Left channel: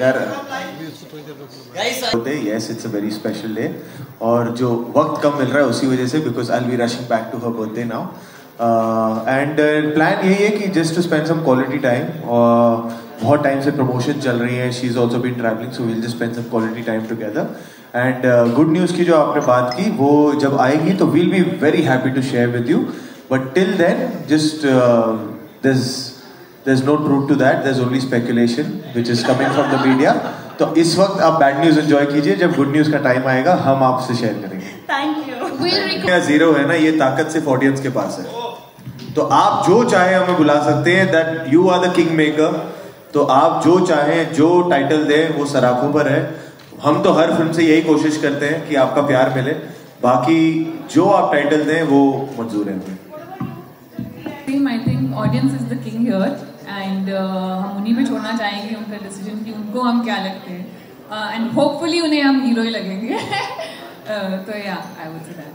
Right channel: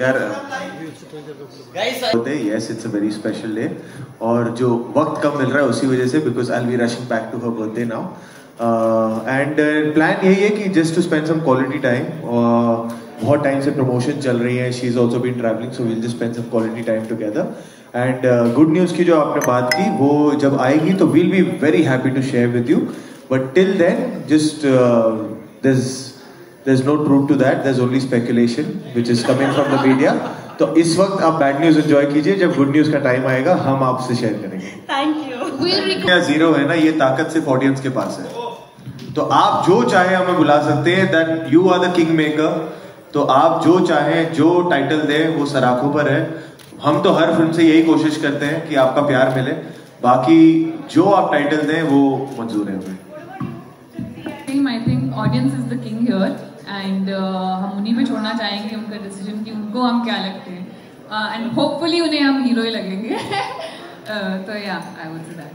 यार yes it's a very special day और जो वक्त कम मिल रहा है उसी वजह से because I will be rushing back to her birthday now and plan यही है कि just to spend some quality time. बहुत टाइम से प्रमोशन चल रही है, she is also been travelling, so will just spend some quality time together. And good news की जो आपने बात की वो जब आएगी तो we'll be very happy to share with you, but till then just there's no truth to that, there's only speculation which is coming from the media. तो इस वक्त आप बैड न्यूज एंजॉय कीजिए, जब गुड न्यूज का time आएगा हम आपसे शेयर करेंगे। Thank you. क्या जीरो है ना, ये ताकत सिर्फ ऑडियंस के पास है। तो आप जो चाहे हमें बुला सकते हैं, that you are the king maker. तो आप जो चाहे जो टाइटल दे वो सराखों पर है। हम तो हर फिल्म से यही कोशिश करते हैं कि आपका प्यार मिले, बाकी जो आप टाइटल दें वो मंजूर है हमें। I think audience is the king here and हम उन्हीं पे छोड़ना चाहेंगे उनका डिसीजन कि उनको हम क्या लगते हैं and hopefully उन्हें हम हीरो ही लगेंगे। तो yeah, I would say that.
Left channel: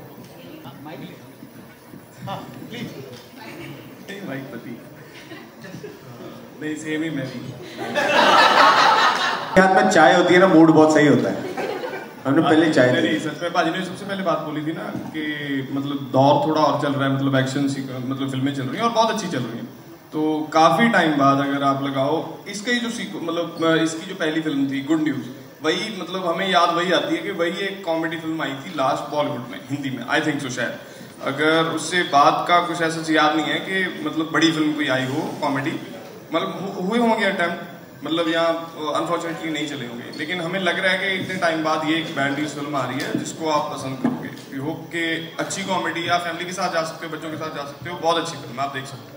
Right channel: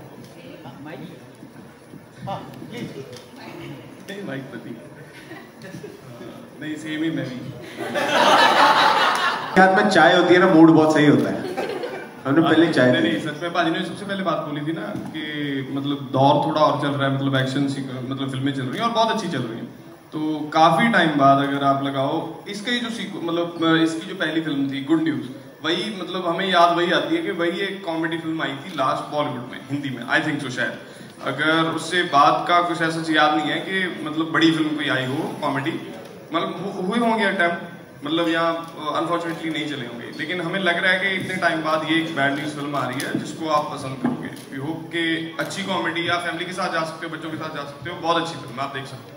नहीं सेम ही मैं भी। हाथ में चाय होती है ना, मूड बहुत सही होता है। हमने पहले चाय मेरी सच में भाजी ने सबसे पहले बात बोली थी ना कि मतलब दौर थोड़ा और चल रहा है, मतलब एक्शन मतलब फिल्में चल रही हैं और बहुत अच्छी चल रही हैं। तो काफी टाइम बाद अगर आप लगाओ इसका ही जो मतलब इसकी जो पहली फिल्म थी गुड न्यूज, वही मतलब हमें याद वही आती है कि वही एक कॉमेडी फिल्म आई थी लास्ट बॉलीवुड में हिंदी में, आई थिंक सो शायद। अगर उससे बाद का कुछ ऐसा याद नहीं है कि मतलब बड़ी फिल्म कोई आई हो कॉमेडी, मतलब हुए होंगे अटेम्प्ट, मतलब यहाँ अनफॉर्चुनेटली नहीं चले होंगे, लेकिन हमें लग रहा है कि इतने टाइम बाद ये एक बैड न्यूज फिल्म आ रही है जिसको आप पसंद करोगे। वी होप कि अच्छी कॉमेडी, या फैमिली के साथ जा सकते हो, बच्चों के साथ जा सकते हो, बहुत अच्छी फिल्म आप देख सकते हो।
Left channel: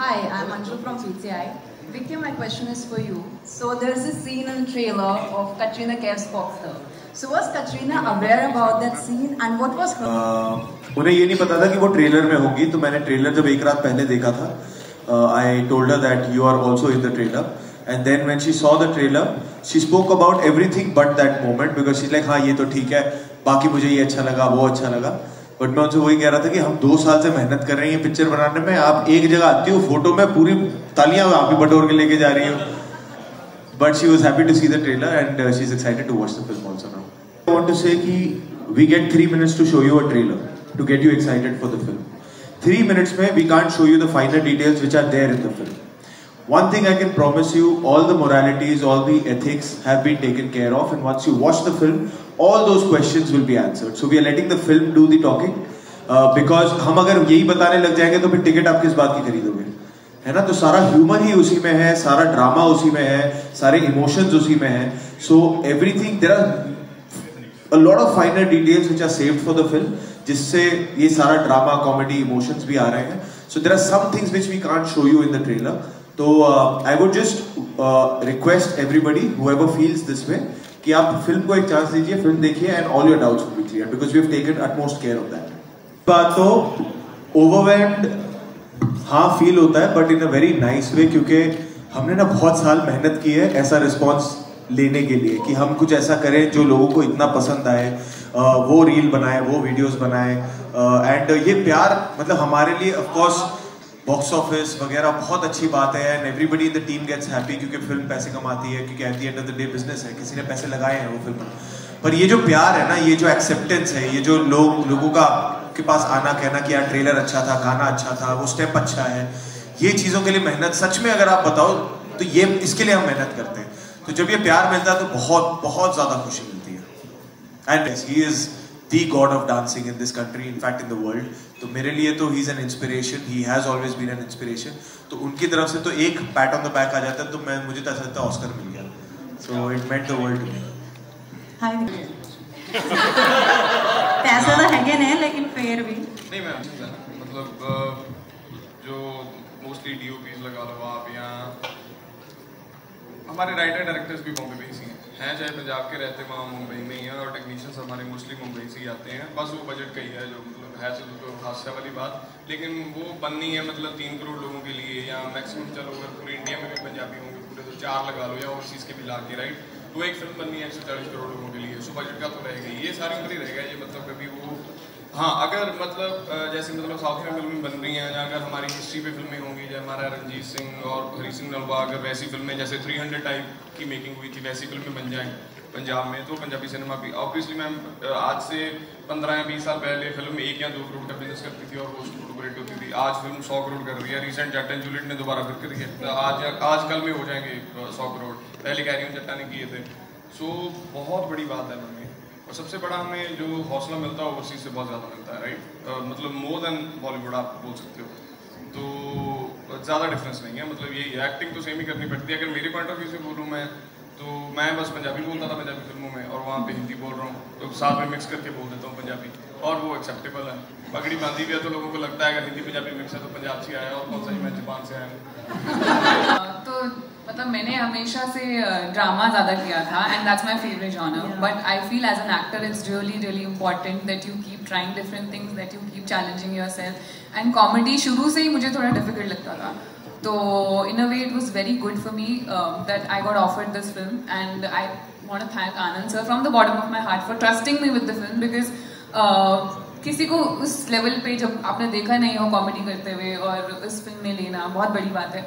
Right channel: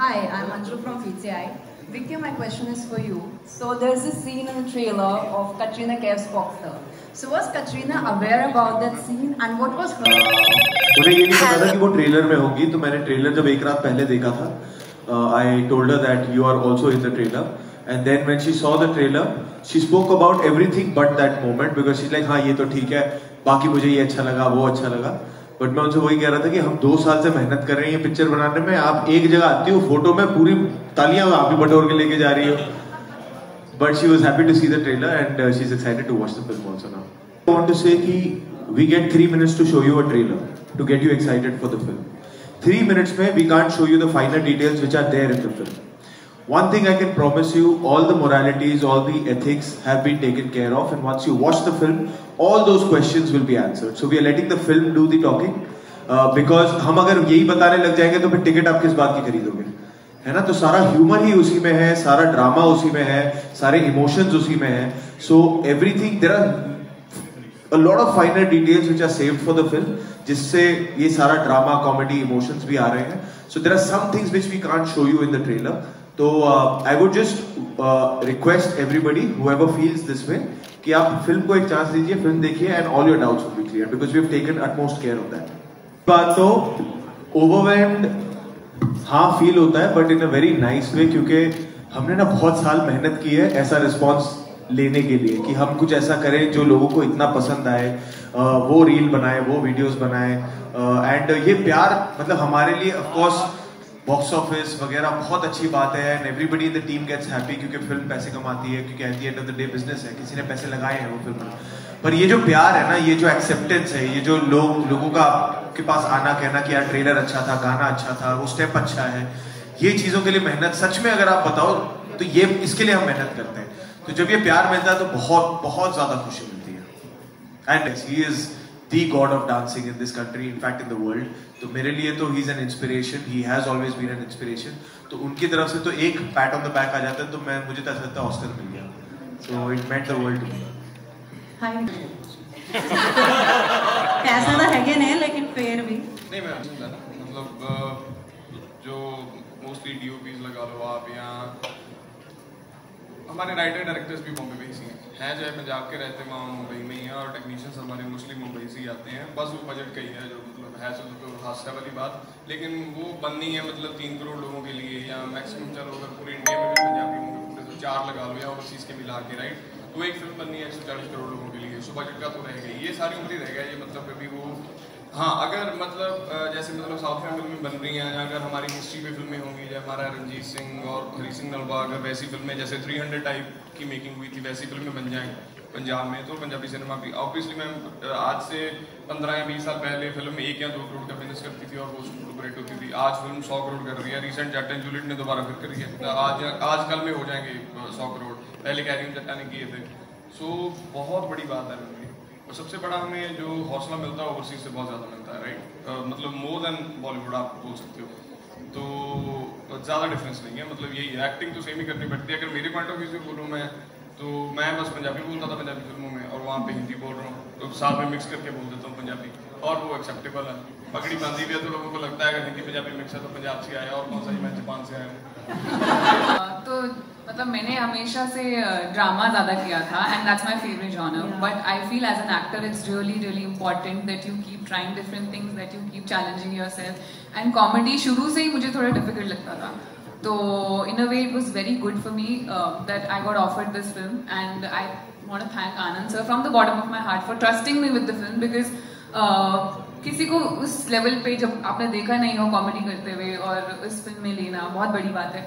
Hi, I'm Anju from PCI. Vicky, my question is for you. So there's this scene in the trailer of Katrina Kaif's boxer. So was Katrina aware about that scene and what was her? मुझे ये नहीं पता था कि वो trailer में होगी, तो मैंने ट्रेलर जब एक रात पहले देखा था, I told her that you are also in the trailer. And then when she saw the trailer, she spoke about everything but that moment because she's like, हाँ ये तो ठीक है, बाकी मुझे ये अच्छा लगा, वो अच्छा लगा। बट मैं उनसे वही कह रहा था कि हम 2 साल से मेहनत कर रहे हैं ये पिक्चर बनाने में, आप एक जगह आती हो फोटो में पूरी तालियां आप ही बटोर के लेके जा रही हो। But she was happy to see the trailer and she is excited to watch the film also now. I want to say कि we get 3 minutes to show you a trailer to get you excited for the film. 3 minutes में we can't show you the finer details which are there in the film. One thing I can promise you, all the moralities, all the ethics have been taken care of, and once you watch the film, all those questions will be answered. So we are letting the film do the talking, because हम अगर यही बताने लग जाएंगे तो फिर ticket आप किस बात की खरीदोगे, है ना? तो सारा ह्यूमर ही उसी में है, सारा ड्रामा उसी में है, सारे इमोशंस उसी में है। So everything, there are a lot of finer details which are saved for the film, जिससे ये सारा ड्रामा, कॉमेडी, इमोशंस भी आ रहे हैं। So there are some things which we can't show you in the trailer. तो I would just request everybody, whoever feels this way, कि आप film को एक चांस दीजिए, फिल्म देखिए and all your doubts will be cleared because we have taken utmost care of that. बात तो overwhelmed हाँ फील होता है, but in a very nice way, क्योंकि हमने ना बहुत साल मेहनत की है ऐसा रिस्पॉन्स लेने के लिए कि हम कुछ ऐसा करें जो लोगों को इतना पसंद आए, वो रील बनाए, वो वीडियोस बनाए, एंड ये प्यार मतलब हमारे लिए ऑफ कोर्स बॉक्स ऑफिस वगैरह बहुत अच्छी बात है and everybody in the team gets happy क्योंकि फिल्म पैसे कमाती है, क्योंकि at the end of the day business है, किसी ने पैसे लगाए हैं वो फिल्म। पर ये जो प्यार है ना, ये जो एक्सेप्टेंस है, ये जो लोगों का के पास आना, कहना कि यार ट्रेलर अच्छा था, गाना अच्छा था, वो स्टेप अच्छा है, ये चीज़ों के लिए मेहनत सच में अगर आप बताओ तो ये इसके लिए हम मेहनत करते हैं। तो जब ये प्यार मिलता है तो बहुत बहुत ज़्यादा खुशी मिलती है। And he is the god of dancing in this country, in fact in the world. तो मेरे लिए तो he is an inspiration, he has always been an inspiration. तो उनकी तरफ से तो एक pat on the back आ जाता है तो मुझे तो ऐसा लगता है ऑस्कर मिल गया। So it meant the world to me. हाय पैसे तो है नहीं लेकिन फिर भी नहीं मैम, मतलब जो मोस्टली DOPs लगा लो आप, यहाँ हमारे राइटर डायरेक्टर्स भी बॉम्बे में ही हैं, चाहे पंजाब के रहते वहाँ मुंबई में ही हैं, और टेक्नीशियंस हमारे मोस्टली मुंबई से ही आते हैं। बस वो बजट का ही है जो मतलब है जो हादसा वाली बात, लेकिन वो बननी है मतलब 3 करोड़ लोगों के लिए, या मैक्सिमम चलो अगर पूरे इंडिया में भी पंजाबी होंगे पूरे तो 4 लगा लो, या ओवरसीज के मिला के, राइट? तो एक फिल्म बननी है 140 करोड़ लोगों के लिए, सो बजट का तो रहेगा ही, ये सारी उम्र ही रहेगा ये, मतलब कभी वो हाँ, अगर मतलब जैसे मतलब साउथ में फिल्में बन रही हैं, अगर हमारी हिस्ट्री पे फिल्में होंगी, जैसे हमारा रंजीत सिंह और हरी सिंह नलवा, अगर वैसी फिल्में जैसे 300 टाइप की मेकिंग हुई थी वैसी फिल्में बन जाएं पंजाब में, तो पंजाबी सिनेमा भी ऑब्वियसली मैम आज से 15 या 20 साल पहले फिल्म 1 या 2 करोड़ का बिजनेस करती थी और वो सुपरहिट होती थी। आज फिल्म 100 करोड़ कर रही है। रिसेंट जट एंड जूलियट ने दोबारा फिर करी है, आज कल में हो जाएंगे 100 करोड़, पहले कैरियन जट्टा ने किए थे। सो बहुत बड़ी बात है फिल्म की, और सबसे बड़ा हमें जो हौसला मिलता है ओवरसीज से बहुत ज़्यादा मिलता है, राइट? मतलब मोर देन बॉलीवुड आप बोल सकते हो, तो ज़्यादा डिफरेंस नहीं है। मतलब यही एक्टिंग तो सेम ही करनी पड़ती है। अगर मेरे पॉइंट ऑफ व्यू से बोलूँ मैं, तो मैं बस पंजाबी बोलता था पंजाबी फिल्मों में, और वहाँ पे हिंदी बोल रहा हूँ, तो साथ में मिक्स करके बोल देता हूँ पंजाबी, और वो एक्सेप्टेबल है। पगड़ी बांधी भी है तो लोगों को लगता है अगर हिंदी पंजाबी मिक्स है तो पंजाब से आया, और कौन सा ही मैं जापान से आया हूँ। तो मतलब मैंने हमेशा से ड्रामा ज़्यादा किया था, and that's my favourite genre, but I feel as an actor it's really important that you keep trying different things, that you keep challenging yourself, and comedy शुरू से ही मुझे थोड़ा डिफिकल्ट लगता था, तो in a way it was very good for me that I got offered this film, and I want to thank Anand sir from the bottom of my heart for trusting me with the film, because किसी को उस level पे जब आपने देखा नहीं हो comedy करते हुए और इस फिल्म में लेना बहुत बड़ी बात है।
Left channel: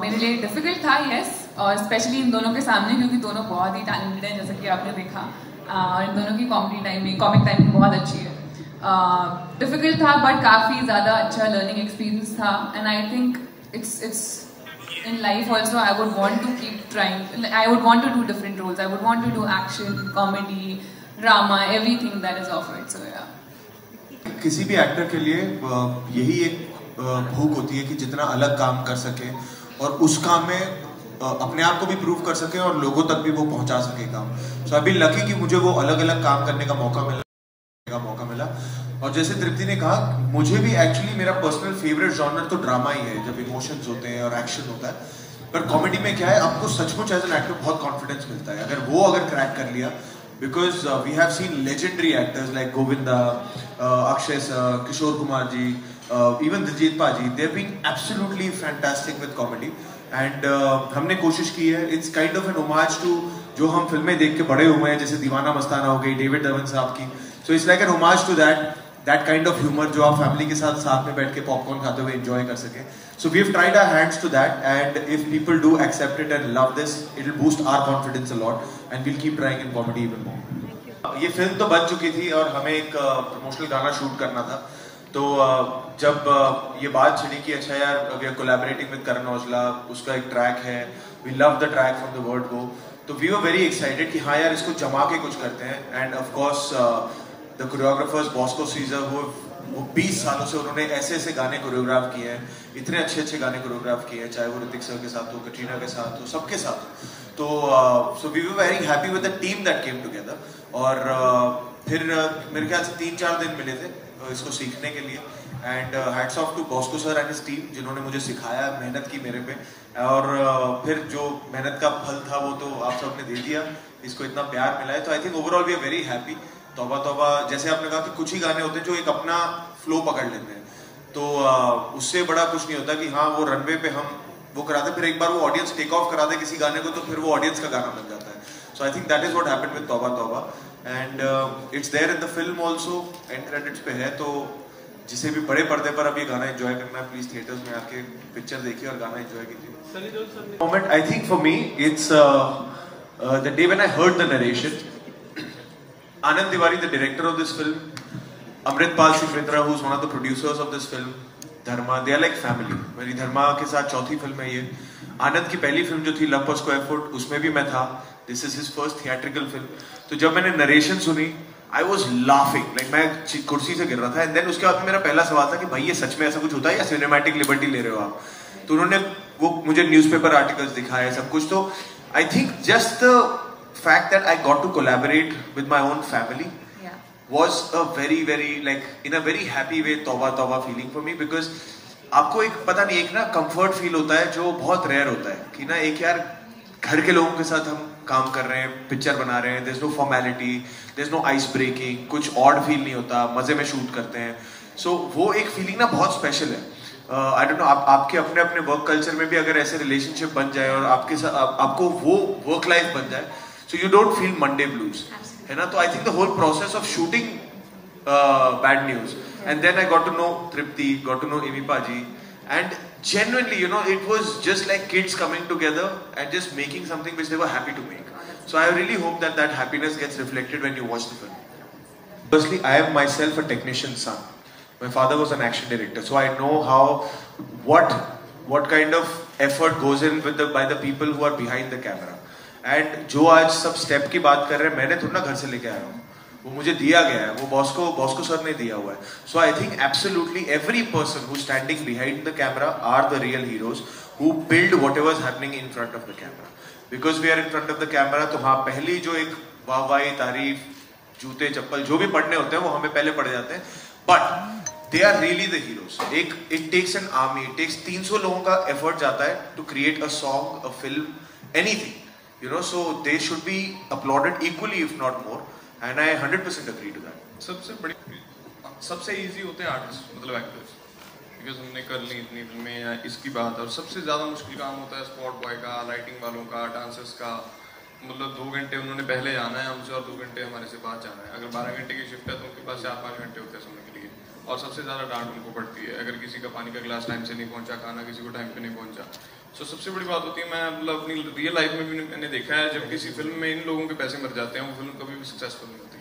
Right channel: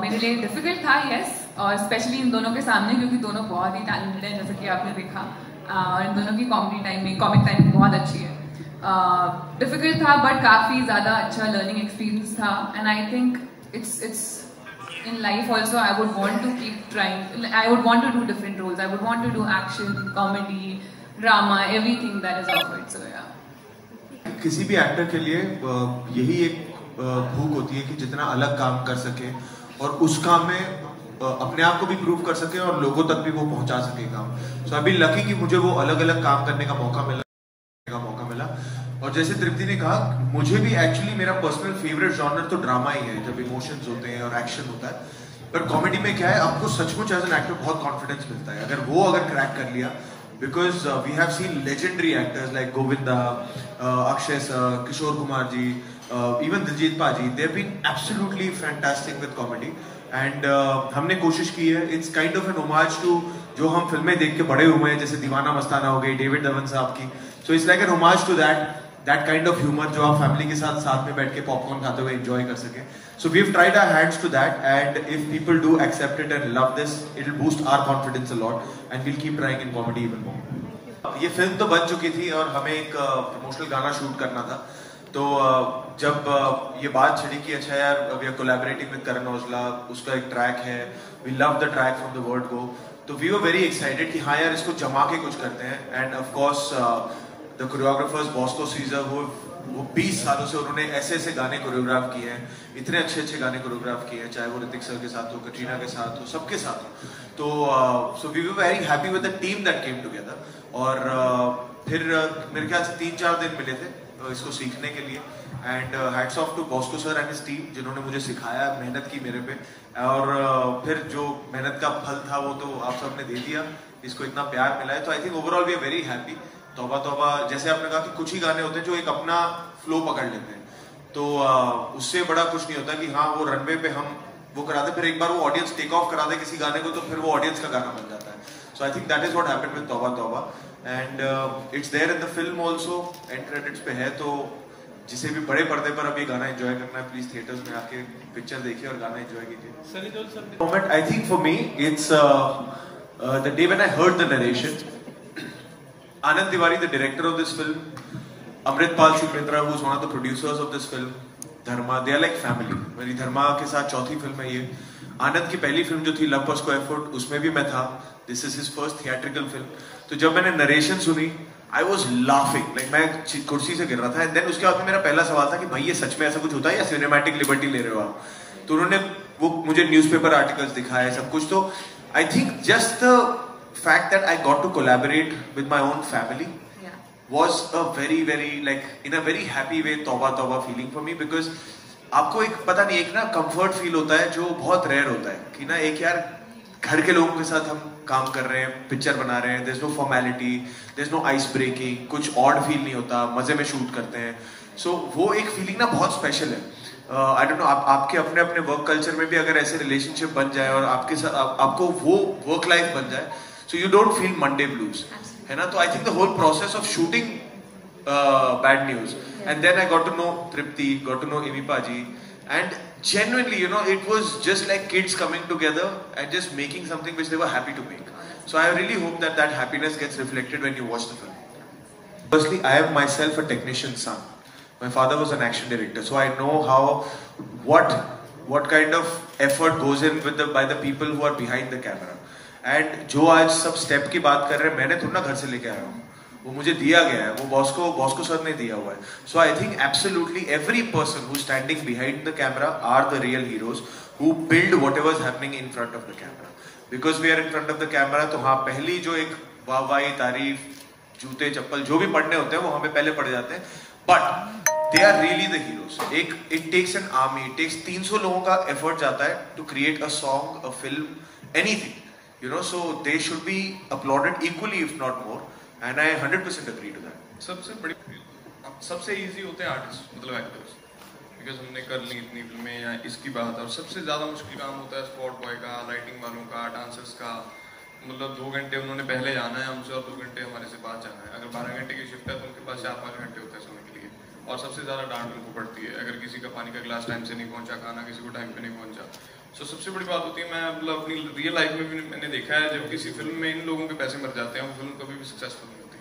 मेरे लिए डिफिकल्ट था, यस, और स्पेशली इन दोनों के सामने, क्योंकि दोनों बहुत ही टैलेंटेड हैं जैसे कि आपने देखा, और इन दोनों की कॉमिक टाइमिंग बहुत अच्छी है। डिफिकल्ट था बट काफ़ी ज़्यादा अच्छा लर्निंग एक्सपीरियंस था, and I think it's in life also I would want to keep trying. I would want to do different roles. I would want to do action, comedy, drama, everything that is offered. So yeah. किसी भी actor के लिए यही एक भूख होती है कि जितना अलग काम कर सके और उस काम में अपने आप को भी प्रूव कर सके और लोगों तक भी वो पहुंचा सके काम। So I've been lucky कि मुझे वो अलग अलग काम करने का मौका मिला। और जैसे तृप्ति ने कहा, मुझे भी एक्चुअली मेरा पर्सनल फेवरेट जॉनर तो ड्रामा ही है, जब इमोशंस होते हैं और एक्शन होता है। पर कॉमेडी में क्या है, आपको सचमुच एज एन एक्टर बहुत कॉन्फिडेंस मिलता है अगर क्रैक कर लिया, because we have seen legendary actors like Govinda, Akshay sir, Kishore Kumar ji, even Diljit paaji, they have been absolutely fantastic with comedy, and हमने कोशिश की है, it's kind of an homage to जो हम फिल्में देख के बड़े हुए हैं, जैसे दीवाना मस्ताना हो गई डेविड धवन साहब की। So it's like an homage to that kind of humor जो आप फैमिली के साथ में बैठ के पॉपकॉर्न खाते हुए एंजॉय कर सके। So we've tried our hands to that, and if people do accept it and love this, it'll boost our confidence a lot, and we'll keep trying in comedy even more. ये film तो बन चुकी थी और हमें एक promotional गाना shoot करना था, तो जब ये बात चली कि अच्छा यार we are collaborating with Karan Aujla, उसका एक ट्रैक है, we love the track from the word go, तो we were very excited कि हाँ यार इसको जमा के कुछ करते हैं, and of course the choreographers Bosco Caesar, वो 20 सालों से उन्होंने ऐसे गाने कोरियोग्राफ किए हैं, इतने अच्छे गाने कोरियोग्राफ किए हैं, चाहे वो ऋतिक सर के साथ हो, कटरीना के साथ हो, सबके साथ हो। तो so we were very happy with the team that came together, और फिर मेरे ख्याल से 3-4 दिन मिले थे इसको सीखने के लिए, and hats off to Bosco sir and his team जिन्होंने मुझे सिखाया, मेहनत की मेरे पे, और फिर जो मेहनत का फल था वो तो आप सबने दे दिया, इसको इतना प्यार मिला है। तो I think overall we are very happy. तौबा तौबा, जैसे आपने कहा कि कुछ ही गाने होते हैं जो एक अपना फ्लो पकड़ लेते हैं, तो उससे बड़ा कुछ नहीं होता कि हाँ वो रनवे पे हम वो कराते, फिर एक बार वो ऑडियंस टेक ऑफ करा दे किसी गाने को, तो फिर वो ऑडियंस का गाना बन जाता है। So I think that is what happened with Tauba Tauba, and it's there in the film also, and credits पे है। तो जिसे भी बड़े पर्दे पर अब ये गाना एंजॉय करना है, प्लीज थिएटर्स में आके पिक्चर देखिए और गाना एंजॉय कीजिए। Moment I think for me it's the day when I heard the narration. Anand Tiwari, the director of this film, Amritpal Singh Mitra, who's one of the producers of this film, Dharma, they are like family. मेरी धर्मा के साथ चौथी film है ये। आनंद की पहली film जो थी लव पर स्क्वायर फुट, उसमें भी मैं था। This is his first theatrical film. तो जब मैंने नरेशन सुनी, I was laughing, like मैं कुर्सी से गिर रहा था। And then उसके बाद मेरा पहला सवाल था कि भाई ये सच में ऐसा कुछ होता है या सिनेमैटिक लिबर्टी ले रहे हो आप? तो उन्होंने वो मुझे न्यूज़पेपर आर्टिकल्स दिखाए, सब कुछ। तो I think just the fact that I got to collaborate with my own family was a very like in a very happy way तौबा feeling for me, because आपको एक पता नहीं एक ना comfort feel होता है जो बहुत rare होता है कि ना एक यार घर के लोगों के साथ हम काम कर रहे हैं, पिक्चर बना रहे हैं, there's no formality, there's no ice breaking, कुछ odd feel नहीं होता, मजे में शूट करते हैं। So वो एक feeling ना बहुत special है। I don't know, आपके अपने वर्क कल्चर में भी अगर ऐसे रिलेशनशिप बन जाए और आपके साथ आपको वो वर्क लाइफ बन जाए, so you don't feel Monday blues, है ना? तो I think the whole process of shooting bad news. And then I got to know Tripti, got to know Amy Paji, and genuinely, you know, it was just like kids coming together and just making something which they were happy to make. So I really hope that that happiness gets reflected when you watch the film. Firstly, I am myself a technician's son. My father was an action director, so I know how, what kind of effort goes in with by the people who are behind the camera. And जो आज सब step की बात कर रहे हैं, मैंने थोड़ा ना घर से लेके आया हूँ, वो मुझे दिया गया है, वो बॉस को सर ने दिया हुआ है. So I think absolutely every person who's standing behind the camera are the real heroes who build whatever is happening in front of the camera. Because we are in front of the camera, तो हाँ पहली जो एक वाहवाही, तारीफ, जूते, चप्पल जो भी पढ़ने होते हैं वो हमें पहले पढ़ जाते हैं. But they are really the heroes. It takes an army, it takes 300 लोगों का effort जाता है to create a song, a film, anything. You know, so they should be applauded equally, if not more. And I 100% agree to that. सबसे easy होते हैं artists, मतलब actors. Because हमने कर ली इतनी फिल्में या इसकी बात, और सबसे ज़्यादा मुश्किल काम होता है spot boy का, lighting वालों का, dancers का. मतलब 2 घंटे उन्होंने पहले जाना है हमसे और 2 घंटे हमारे से बाद जाना है. अगर 12 घंटे की शिफ्ट है तो उनके पास 4-5 घंटे होते हैं सोने के लिए. और सबसे ज़्यादा डांट उनको पड़ती है अगर किसी का पानी का गिलास टाइम से नहीं पहुंचा, खाना किसी को टाइम पे नहीं पहुंचा. तो सबसे बड़ी बात होती है, मैं मतलब अपनी रियल लाइफ में भी मैंने देखा है, जब किसी फिल्म में इन लोगों के पैसे मर जाते हैं वो फिल्म कभी भी सक्सेसफुल नहीं होती.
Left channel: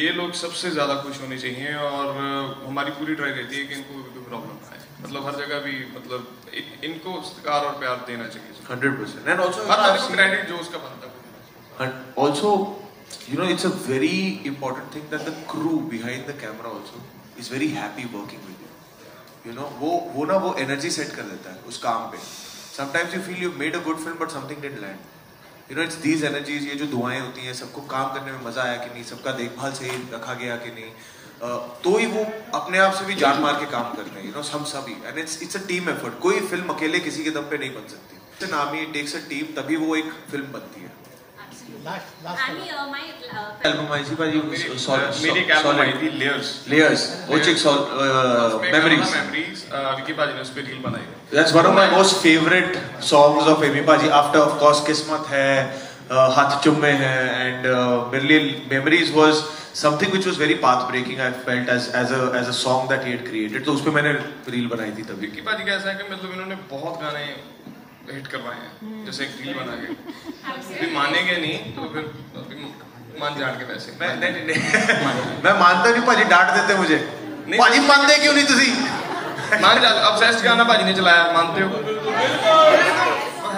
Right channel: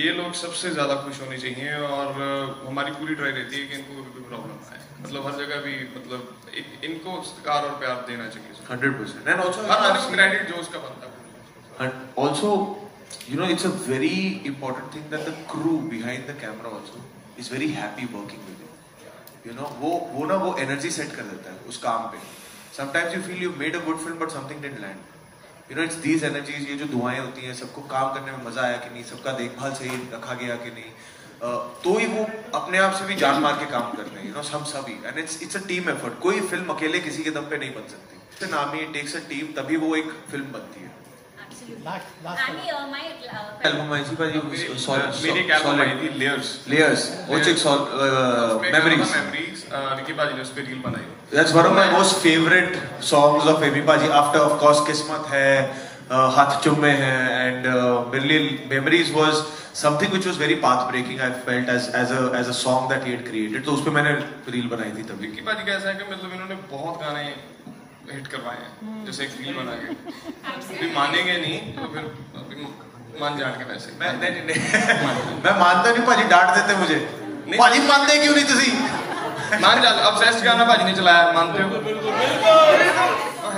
ये लोग सबसे ज़्यादा खुश होने चाहिए और हमारी पूरी ट्राई रहती है कि इनको कोई प्रॉब्लम ना आए. मतलब हर जगह भी मतलब इनको सत्कार और प्यार देना चाहिए 100%. And also हर आदमी को क्रेडिट जो उसका बनता है. And also, you know, it's a very important thing that the crew behind the camera also is very happy working with you. You know, वो energy set कर देता है उस काम पे. Sometimes you feel you made a good film but something didn't land. You know, it's these energies, ये जो दुआएं होती हैं, सबको काम करने में मजा आया कि नहीं, सबका देखभाल सही रखा गया कि नहीं, तो ही वो अपने आप से भी जान मार के काम कर रहे हैं. You know, हम सभी, and it's a team effort. कोई फिल्म अकेले किसी के दम पे नहीं बन सकती. It's an army, it takes a team, तभी वो एक फिल्म बनती है. एल्बम आई थी भाई, मेरी एक एल्बम आई थी layers which is memories. Vicky पाजी ने उस पे रील बनाई. That's one of my most favorite songs of Amy Paji. After of course किस्मत है, हाथ चुम्मे हैं, and मेरे लिए memories was something which was very path breaking. I felt as a song that he had created. तो उस पे मैंने रील बनाई थी तभी. विकी पाजी का ऐसा है कि मतलब इन्होंने बहुत गाने हिट करवाए हैं, जैसे एक रील बना के. अभी मानेंगे नहीं तो फिर मान जान के वैसे मैं मानता नहीं, पाजी डांट देते मुझे. पाजी मानते क्यों नहीं तुसी? मान जा. अब बेस्ट गाना पाजी ने चलाया, मानते हो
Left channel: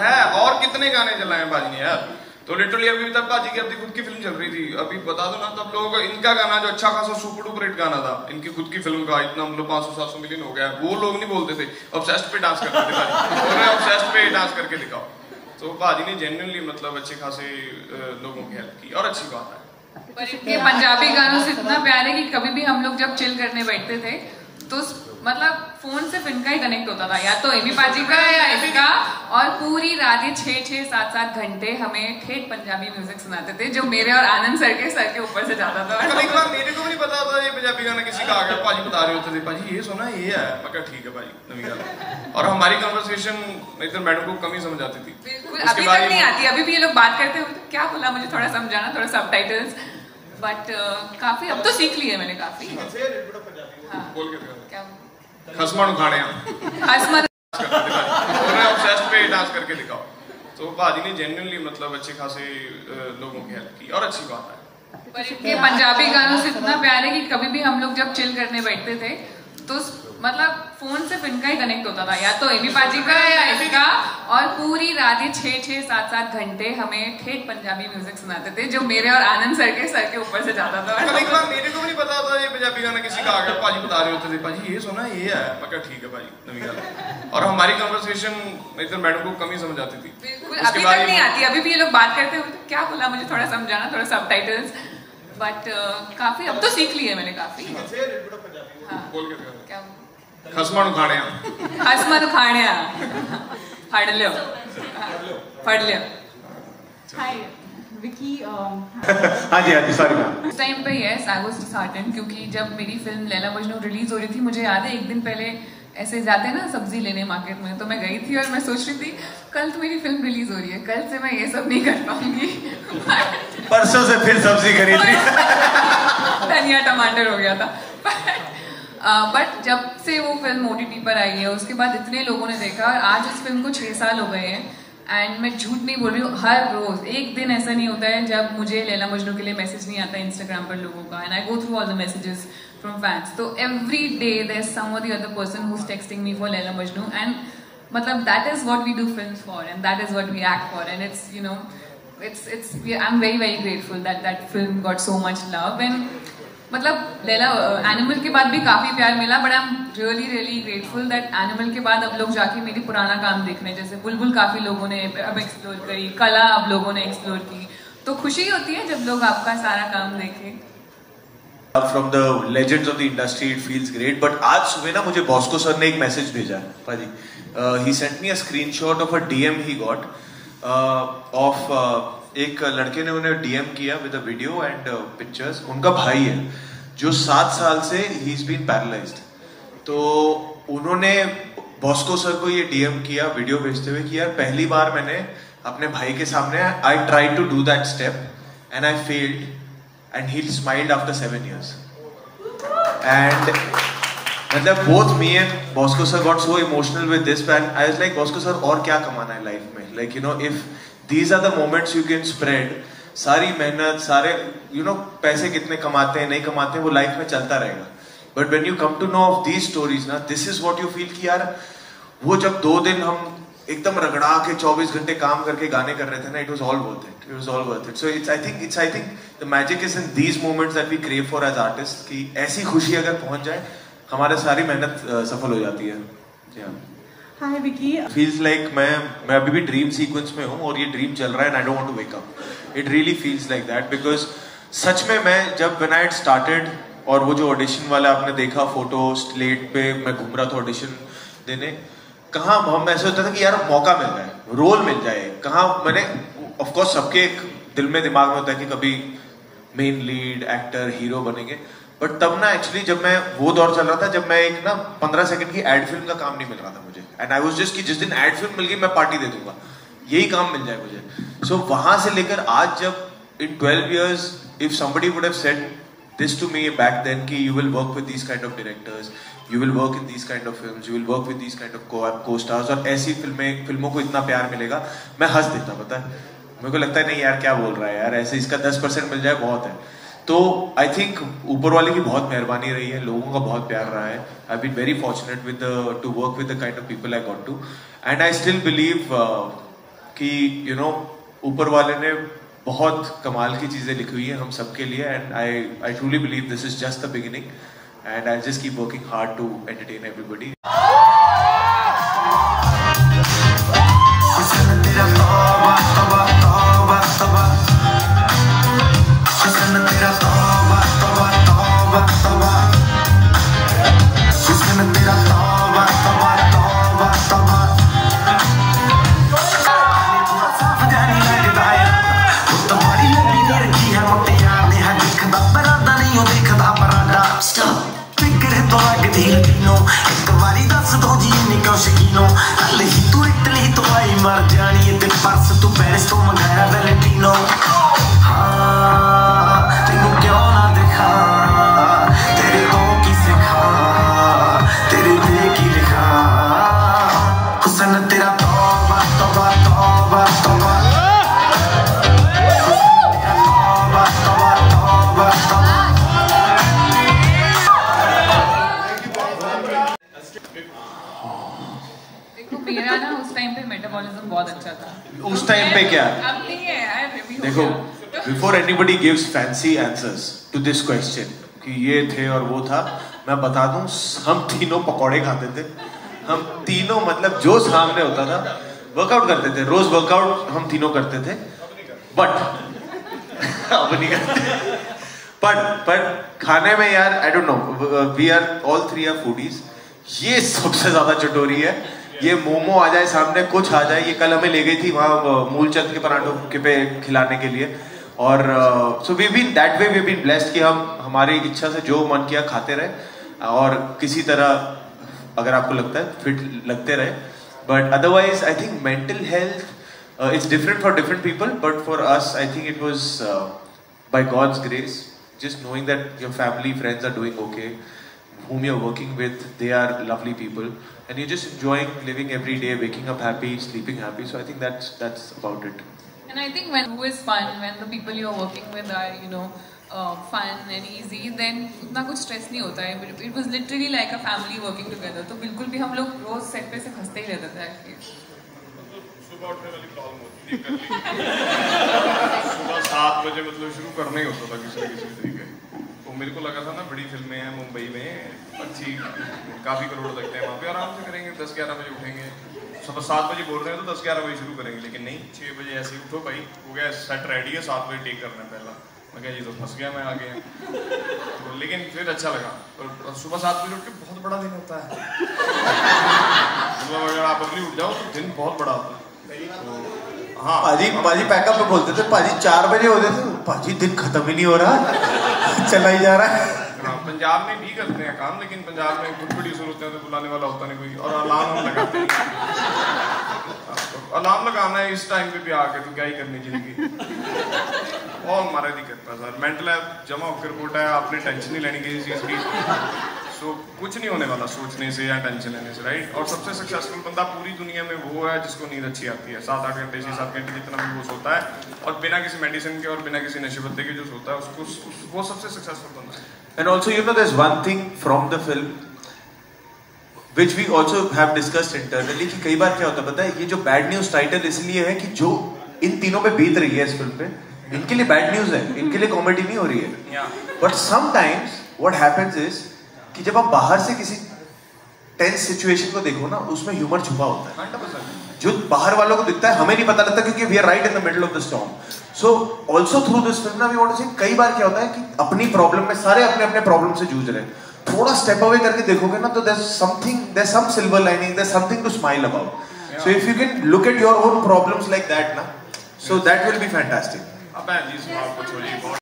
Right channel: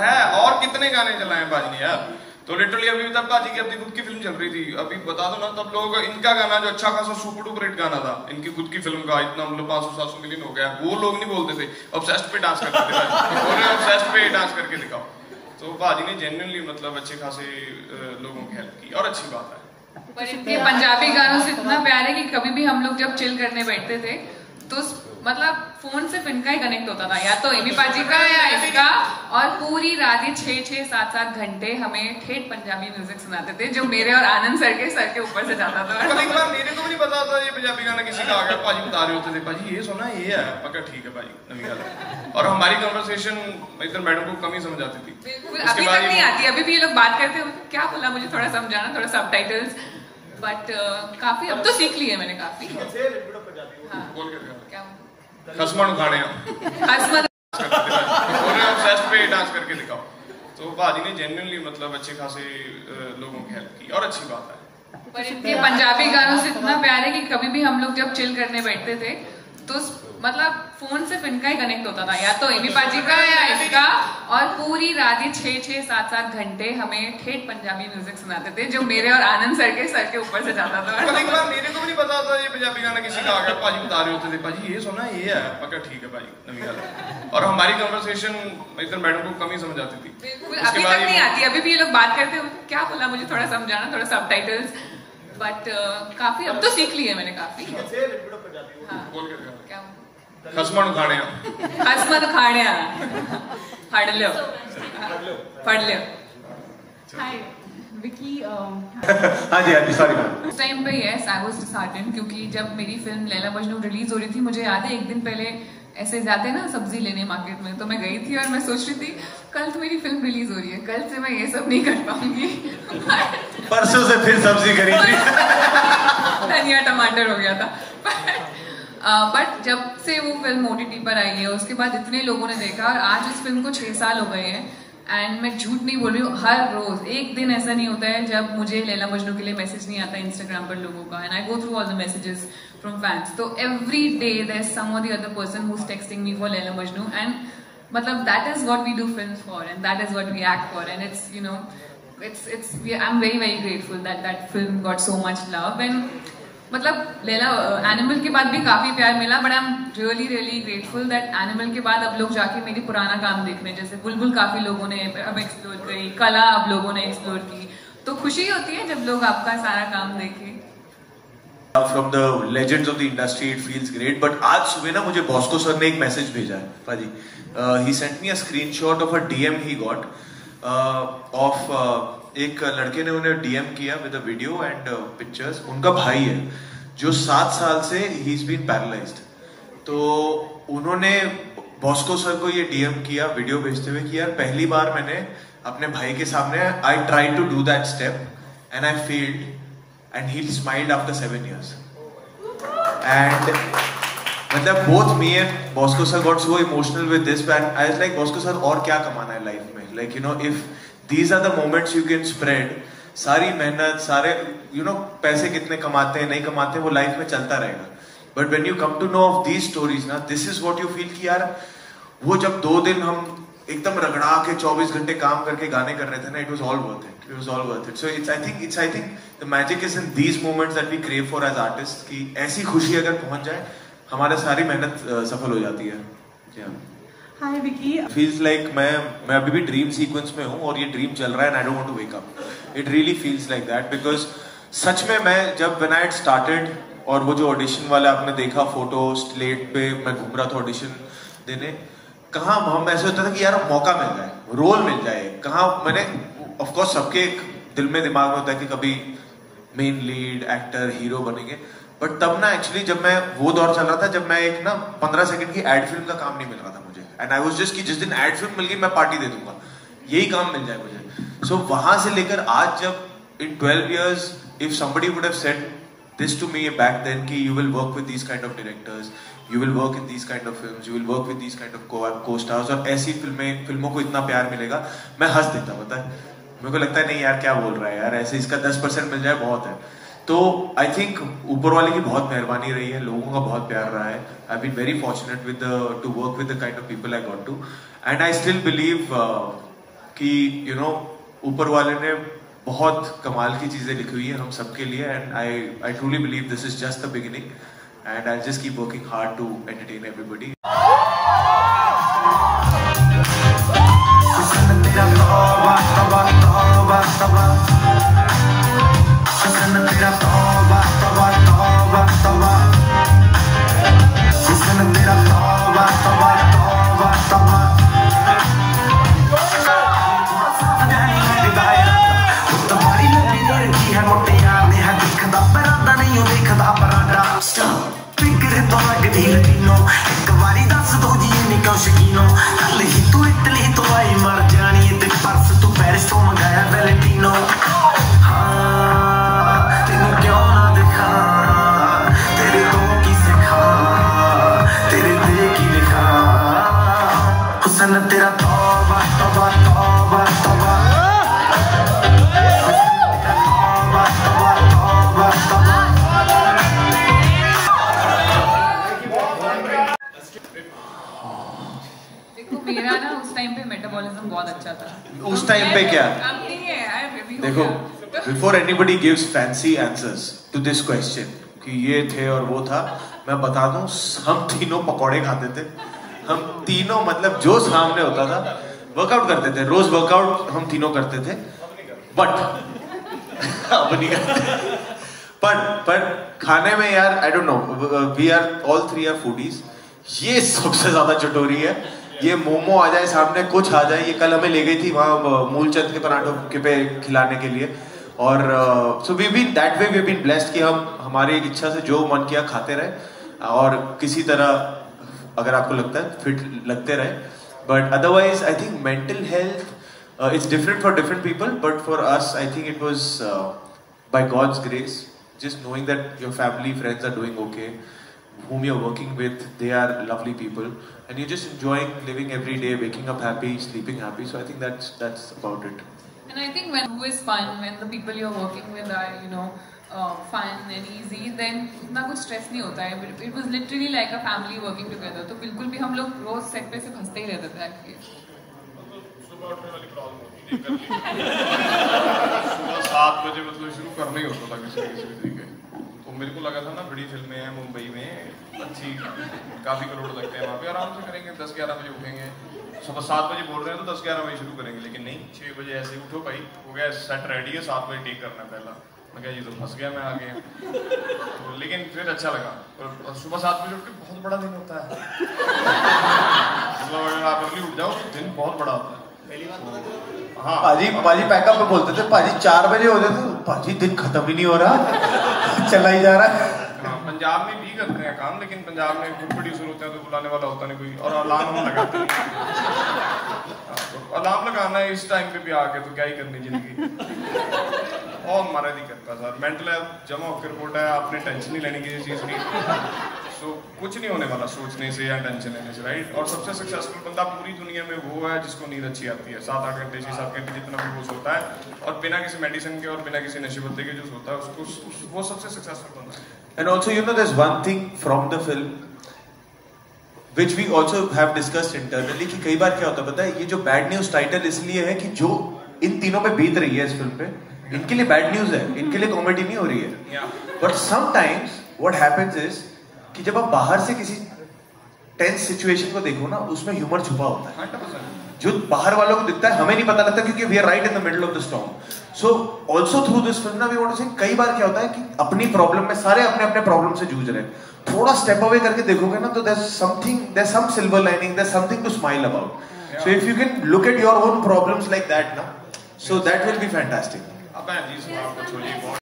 है, और कितने गाने चलाए पाजी ने यार. तो लिटरली अभी तक पाजी की अपनी खुद की फिल्म चल रही थी, अभी बता दो ना, तब लोग इनका गाना जो अच्छा खासा सुपर डुपर हिट गाना था इनकी खुद की फिल्म का, इतना मतलब 500-700 मिलियन हो गया, वो लोग नहीं बोलते थे. ऑब्सेस्ड पे डांस करते थे पाजी, ऑब्सेस्ड पे डांस करके दिखाओ. तो पाजी ने जेन्युइनली मतलब अच्छे खासे लोगों की हेल्प की और अच्छी बात है. पर इनके पंजाबी गानों से इतना प्यार है कि कभी भी हम लोग जब चिल करने बैठते थे तो मतलब फोन सिर्फ इनका ही कनेक्ट होता था, या तो एमी पाजी का या इसका, और पूरी रात ही 6-7 घंटे हमें ठेठ पंजाबी म्यूजिक सुनाते थे जो मेरे और आनंद सर के ऊपर से जाता था. एक बार मेरे को नहीं पता था ये पंजाबी गाना किसी का आ गया, पाजी बता रहे होते थे, पाजी ये सुना ये है, मैं कहा ठीक है पाजी नवी गाना. और हमारी कन्वर्सेशन इधर मैडम को कम ही समझ आती थी. बिल्कुल अभी तक नहीं आती, अभी भी ये लोग बात करते हैं क्या बोला मुझे थोड़ा समझाना, थोड़ा सबटाइटल्स. बट काफी अब तो सीख ली है मैंने काफी. बोल के क्या हसमन खाने हसमन ऑब्सेस्ड पे डांस करके दिखाओ. तो पाजी ने जेन्युइनली मतलब अच्छे खासे लोगों की हेल्प की और अच्छी बात है. पर इनके पंजाबी गानों से इतना प्यार है कि कभी भी हम लोग जब चिल करने बैठते थे तो मतलब फोन सिर्फ इनका ही कनेक्ट होता था, या तो एमी पाजी का या इसका, और पूरी रात ही 6-7 घंटे हमें ठेठ पंजाबी म्यूजिक सुनाते थे जो मेरे और आनंद सर के ऊपर से जाता था. एक बार मेरे को नहीं पता था ये पंजाबी गाना किसी का आ गया, पाजी बता रहे होते थे, पाजी ये सुना ये है, मैं कहा ठीक है पाजी नवी गाना. और हमारी कन्वर्सेशन इधर मैडम को कम ही समझ आती थी. बिल्कुल अभी तक नहीं आती, अभी भी ये लोग बात करते हैं क्या बोला मुझे थोड़ा समझाना, थोड़ा सबटाइटल्स. बट काफी अब तो सीख ली है मैंने काफी. बोल के क्या हसमन खाने फड़ लियो. Hi, Vicky. हाँ जी सॉरी. उस टाइम पे यस आई वाज डिसहार्टेंड क्योंकि जब मेरी फिल्म लैला मजनू रिलीज हो रही थी, मुझे याद है एक दिन पहले ऐसे जाते ना सब्जी लेने मार्केट में, तो मैं गई थी और मैं सोच रही थी कल तो मेरी फिल्म रिलीज हो रही है, कल से मैं ये सब नहीं कर पाऊंगी. परसों से फिर सब्जी खरीद रही. धनिया टमाटर हो गया था। बट जब से वो फिल्म OTT पर आई है उसके बाद इतने लोगों ने देखा, और आज इस फिल्म को 6 साल हो गए हैं। एंड मैं झूठ नहीं बोल रही हूँ, हर रोज एक दिन ऐसा नहीं होता है जब मुझे लैला मजनू के लिए मैसेज नहीं आता है इंस्टाग्राम पर लोगों का, and I go through all the messages from fans. तो every day there is some or the other person who is texting me for Laila Majnu, and मतलब that is what we do films for, and that is what we act for, and it's you know I'm very grateful that film got so much love, and मतलब Laila animal के बाद भी काफी प्यार मिला, but I am really grateful that animal के बाद अब लोग जाके मेरी पुराना काम देख रहे हैं। जैसे बुलबुल काफी लोगों ने अब एक्सप्लोर करी, कला अब लोगों ने एक्सप्लोर की, तो खुशी होती है जब लोग आपका सारा काम देखें। From the legends of the industry, it feels great. But आज सुबह ना मुझे बॉस्को सर ने एक मैसेज भेजा है पाजी. He sent me a screenshot of a DM he got of एक लड़के ने उन्हें DM किया with a video and pictures. उनका भाई है जो 7 साल से he's been paralyzed. तो उन्होंने बॉस्को सर को ये DM किया वीडियो भेजते हुए कि यार पहली बार मैंने अपने भाई के सामने I tried to do that step and I failed. And he smiled after 7 years. And both me and Bosco sir got so emotional with this, and I was like, Bosco sir, और क्या कमाना है life में? Like, you know, if these are the moments you can spread, सारी मेहनत, सारे पैसे कितने कमाते हैं नहीं कमाते हैं वो लाइफ में चलता रहेगा. But when you come to know of these stories ना, this is what you feel कि यार वो जब 2 दिन हम एकदम रगड़ा के 24 घंटे काम करके गाने कर रहे थे ना, it was all worth it. It was all worth it. So I think the magic is in these moments that we crave for as artists, कि ऐसी खुशी अगर पहुंच जाए हमारी सारी मेहनत सफल हो जाती है. Yeah. Hi Vicky. Feels like मैं अभी भी ड्रीम सीक्वेंस में हूँ और ये ड्रीम चल रहा है and I don't want to wake up. It really feels like that because सच में मैं जब when I had started और वो जो ऑडिशन वाला आपने देखा फोटो स्लेट पे मैं घूम रहा था ऑडिशन देने, कहाँ हम ऐसे होता था कि यार मौका मिल जाए, रोल मिल जाए, कहाँ मैंने ऑफ कोर्स सबके एक दिल में दिमाग में होता है कि कभी मेन लीड एक्टर हीरो बनेंगे, बट तब ना एक्चुअली जब मैं वो दौर चल रहा था जब मैं एक ना 15 सेकंड की एड फिल्म का काम नहीं मिल रहा था मुझे, एंड आई वाज जस्ट कि जिस दिन एड फिल्म मिल गई मैं पार्टी दे दूंगा, यही काम मिल जाए मुझे. सो वहां से लेकर आज जब इन 12 years if somebody would have said this to me back then कि you will work with these kind of directors, you will work in these kind of films, you will work with these kind of co-stars और ऐसी फिल्मों को इतना प्यार मिलेगा, मैं हंस देता. पता है मेरे को लगता है नहीं यार क्या बोल रहा है यार, ऐसे इसका 10% मिल जाए बहुत है. तो आई थिंक ऊपर वाले की बहुत मेहरबानी रही है, लोगों का बहुत प्यार रहा है. I been very fortunate with to work with the kind of people I got to, and I still believe कि यू नो ऊपर वाले ने बहुत कमाल की चीजें लिखी हुई है हम सबके लिए, and I truly believe this is just the beginning, and I'll just keep working hard to entertain everybody. मेरा ना उस टाइम पे मेटाबॉलिज्म बहुत अच्छा था. उस टाइम पे क्या? अब नहीं है. देखो, before anybody gives fancy answers to this question कि ये थे और वो था, मैं बता दूं हम तीनों पकौड़े खाते थे, हम तीनों मतलब जो सामने होता था वर्कआउट करते थे, रोज वर्कआउट हम तीनों करते थे, बट अब नहीं करते. पर खाने में यार I don't know, we are all 3 are foodies. ये सबसे ज्यादा चटोरी है, ये मोमो आ जाए सामने कुछ आ जाए, ये कल हमें ले गई थी वहाँ मूलचंद के पराठों के पे खिलाने के लिए, और so we been that way we been blessed कि हम हमारी इच्छा से जो मन किया खाते रहे, और किसी तरह अगर आपको लगता है फिट लगते रहे. But otherwise I think mental health it's different for different people, but for us I think it was by God's grace just knowing that your family, friends are doing okay, whom you're working with, they are lovely people, and you're just enjoying living every day, waking up happy, sleeping happy. So I think that's about it. And I think when who is fun, when the people you're working with are fun and easy, then उतना कुछ stress नहीं होता है. It was literally like a family working together. तो बिल्कुल भी हम लोग रोज सेट पे से हंसते ही रहते थे actually. सुबह उठने वाली प्रॉब्लम होती थी सुबह 7 बजे मतलब शुरू करना ही होता था किसी तरीके. तो मेरे को लगा था ना बड़ी फिल्में हैं मुंबई में अच्छी काफी करोड़ लगते हैं वहाँ पे, आराम से करेंगे 10-11 बजे उठेंगे. सुबह 7 बजे बोल रहे हैं तो 10-11 बजे शुरू करेंगे, लेकिन नहीं 6 बजे ऐसे ही उठो भाई, हो गया सेट रेडी है, 7 बजे टेक करना है पहला. मैं कहा ये तो फंस गया मैं आ गया. तो लेकिन फिर अच्छा लगा. पर सुबह 7 बजे उठ के बहुत बड़ा दिन होता है. सुबह अगर आप अर्ली उठ जाओ तो दिन बहुत बड़ा होता है. हाँ पाजी पैकअप में बोलते थे, पाजी 4 बजे होते थे, पाजी दिन खत्म ही नहीं हो रहा, चला ही जा रहा है. हाँ, पंजाब में भी करते हैं काम, लेकिन पंजाब में खुद प्रोड्यूसर होते हैं तो बुलाने वाला होता नहीं कोई, और अलार्म हम लगाते नहीं. अलार्म लगाना है इस टाइम पे भी आके तो क्या ही करनी जिंदगी. बहुत हमारा दिक्कत है सर. मेंटल हेल्थ जमा होकर रिपोर्ट है, आपने टेंशन नहीं लेनी किसी चीज की. सो कुछ नहीं होने वाला सोचने से या टेंशन लेने से, राइट. और सबसे सक्सेसफुल बंदा पूरी दुनिया में वो है जिसको नींद अच्छी आती है. 7-8 घंटे 6-7 घंटे जितना भी वो सोता है, और बिना किसी मेडिसिन के और बिना किसी नशे पत्ते के जो सोता है उसको वो सबसे सक्सेसफुल बंदा है. And also, there's one thing from the film which we also have discussed internally कि कई बार क्या होता है पता है, ये जो बैड न्यूज टाइटल इसलिए है कि जो इन तीनों पे बीत रही है इस फिल्म पे, इनके लिए बैड न्यूज है, इनके लिए कॉमेडी नहीं हो रही है. But sometimes what happens is कि जब आप बाहर से किसी टेंस सिचुएशन को देखो ना, उसमें ह्यूमर छुपा होता है जो बाहर वालों को दिखता है, हमें नहीं पता लगता क्योंकि we are right in the middle of the storm. So also through this film ना वी वांट टू से कई बार क्या होता है कि अपनी प्रॉब्लम में सारे अपने अपने प्रॉब्लम से जूझ रहे हैं, थोड़ा स्टेप अवे करके देखोगे ना तो there's some silver lining, there's something to smile about. So if you can look at your own problems like that na, so that will be fantastic.